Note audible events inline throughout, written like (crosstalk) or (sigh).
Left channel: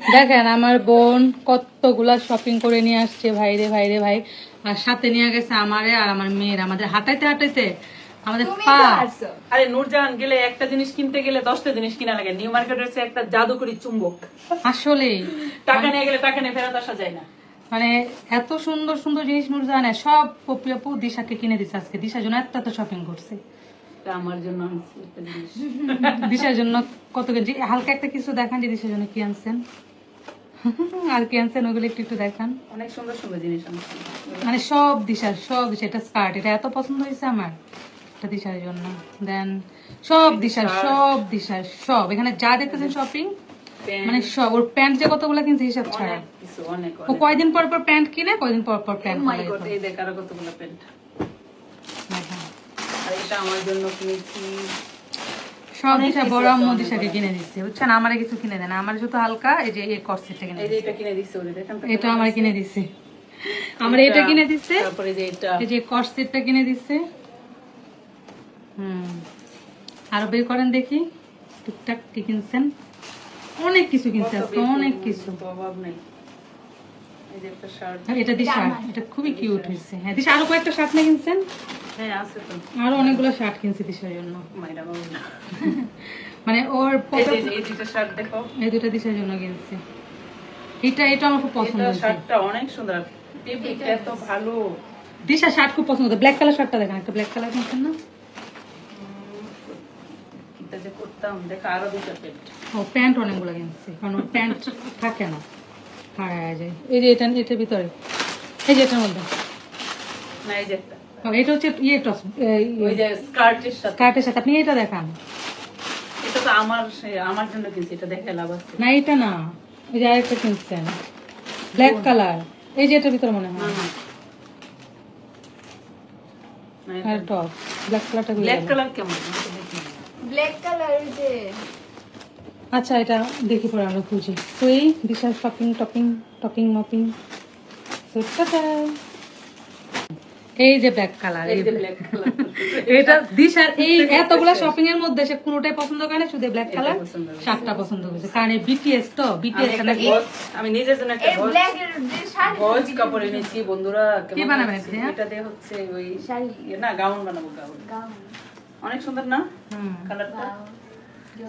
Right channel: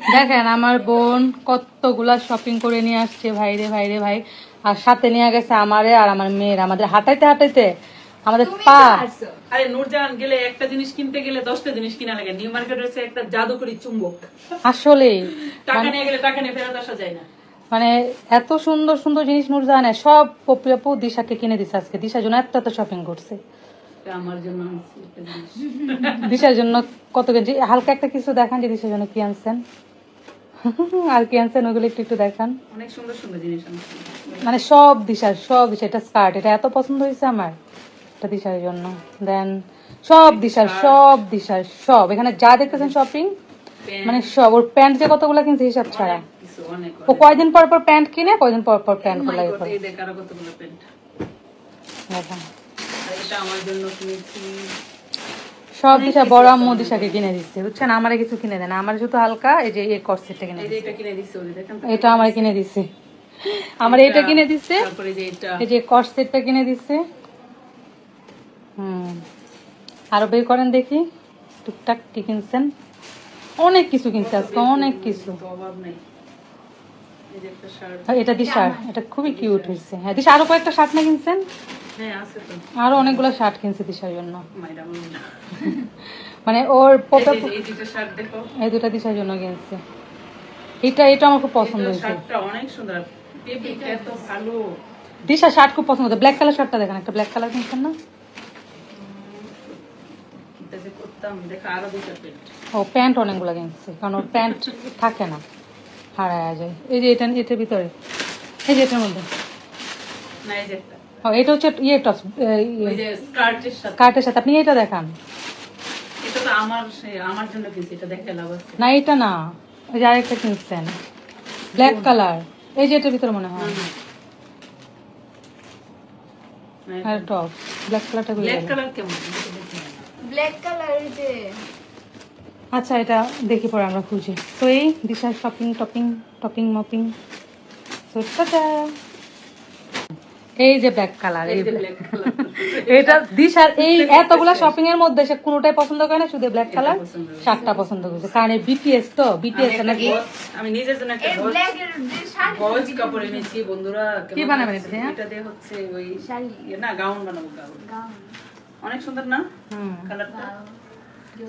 দেখেন আমার বোন কতগুলা শপিং করে নিয়ে আসছে ভাই রে ভাই রে ভাই। আর সাথে নিয়ে গেছে আমারে আর আমার মেয়ের আমাদের হাঁটাইতে হাঁটাইতে। আমাদের আরে নূরজাহান গেলে একটা জিনিস কিনতে গেলে দশটা জিনিস কিনা লাগে। নিউ মার্কেট হচ্ছে একটা জাদুকরি চুম্বক। আসলে। টাকা নিয়ে গেলে টাকা নিয়ে ফেরত আসা যায় না। মানে এত সুন্দর সুন্দর জিনিস নূর জানে সব পপি আপু দিশাকে কিনে দিছে আজকে। দিশার জন্য এত এত শপিং করছে। আমার জন্য দিশার জন্য কত কেজি হালকা একটা কিছু দেখান যে দিশার জন্য কি আনছেন। (laughs) আর কি আনছেন ওগুলো একটু একটু দেখান। অনেক সুন্দর সুন্দর জিনিস মানে সব দিশার সব দিশা এটা স্কার্ট এটা এত পছন্দ হয়েছে আমার এটা দিশার জন্য। দেন সব দিশার সব দিশার সব। এখানে যা দেখতেছেন শপিং মানে সব ওর প্যান্ট যে কতগুলো কিনছে হিসাব ছাড়া। ও কয়দিন পর পর প্যান্ট কিনে কয়দিন পর পর প্যান্ট দেখ কতগুলো প্যান্ট এটা আমার জন্য কিনেছি। সব দিশা বড় আম্মু দিশাকে কিনে দিচ্ছে বুঝছেন? আমারে কিছু কিনে দেন আমার শুধু হালকা এই যে এই কর্সেটটা কিনে দিচ্ছে। এটা কিনে দিচ্ছে ওদের দেখেন এটা আমার কিনে দিচ্ছে। আমার এটা কিনে দিচ্ছে। তারপরে যে এটা। এই যে কর্সেটটা কিনে দিচ্ছে। হুম। আরও বের করেন দেখি। টুকটাক কি কিনছেন অনেক কিছু কিনছে আজকে অনেক কিছু। অভাব নেই এই যে একটা শার্ট আর এটা দি শার্ট এটা খুবই কিউট হয়েছে। হ্যাঁ দিশা আরও কয়েকটা শার্ট না কিনছেন? হ্যাঁ আছে তো। আরও অনেকগুলো শার্ট কিনছে দিশার জন্য। মানে ওর এই দুটো শার্ট দুটা দিশার জন্য কিনছে। এটা এটা আমার খুব পছন্দ শার্টটা অনেক সুন্দর। এত ভালো। দিশা শার্ট খুব পছন্দ। ব্ল্যাক কালার শার্টটা দেখেন একটা ব্ল্যাক কালার কিনছেন না? করতাম দেখো আরও দুটো প্যান্ট ও প্যান্ট অনেকগুলো কিনছে। কারণ ওর প্যান্ট থাকে না। হারায় যায় এই যে এটা এটার ভিতরে। এই যে এটার মধ্যে। না এই যে এটা। হচ্ছে ইয়ে টপ স্কার্টের সাথে। আপনি এটা দেখান। এটা তো আমার আমার জন্য কিনছি এটা দেখে লাভ আছে। না এটা না। ওই যে আরেকটা কিনছেন। ব্ল্যাক কালার এই যে এটার ভিতরে মনে হয়। না আর টপ। ব্ল্যাক কালারটা ব্ল্যাক কালার কেমন। ব্ল্যাক কালার যে আচ্ছা এটা দেখি পরে আমরা খুঁজি। তো এই বিশাল শপিং টপিং টপিং মপিং এই যে ব্ল্যাক কালার এই এই যে black- ব্ল্যাক কালার (laughs) এটা দিশার এই এতগুলা শপিং এর মধ্যে সে কোনোটাই পছন্দ করে না শুধু ব্ল্যাক কালার শার্টটা পছন্দ করেছে। কারণ বিটিএস তো? আমি বিটিএস আমি নিজের জন্য একটা গজ কাপড় এনেছি। বন্ধুরা কি বানাবেন এটা? দিয়ে হচ্ছে ওই শাড়ি। না গাউন বানাবো গাউন। গাউন। অনেক সুন্দর না? হুম। কালারটা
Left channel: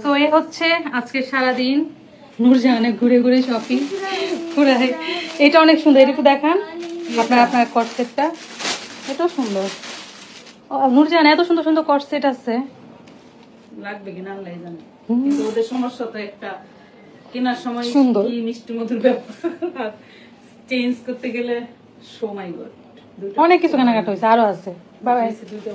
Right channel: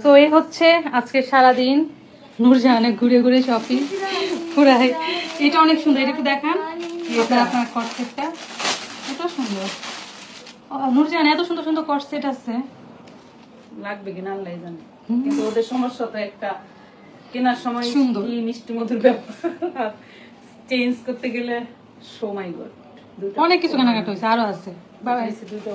তো এই হচ্ছে আজকে সারাদিন নূরজাহানে ঘুরে ঘুরে শপিং ঘুরাই এটা অনেক সুন্দর। একটু দেখান আপনার আপনার কটসেটটা এটাও সুন্দর। নূরজাহান এত সুন্দর সুন্দর কটসেট আছে। লাগবে কিনা আল্লাহ জানে। কিন্তু ওদের সমস্যা তো একটা কেনার সময় সুন্দর। মিষ্টি মধুর ব্যাপার চেঞ্জ করতে গেলে সময় গড অনেক কিছু কেনাকাটা হয়েছে আরও আছে। বাবা দুইটা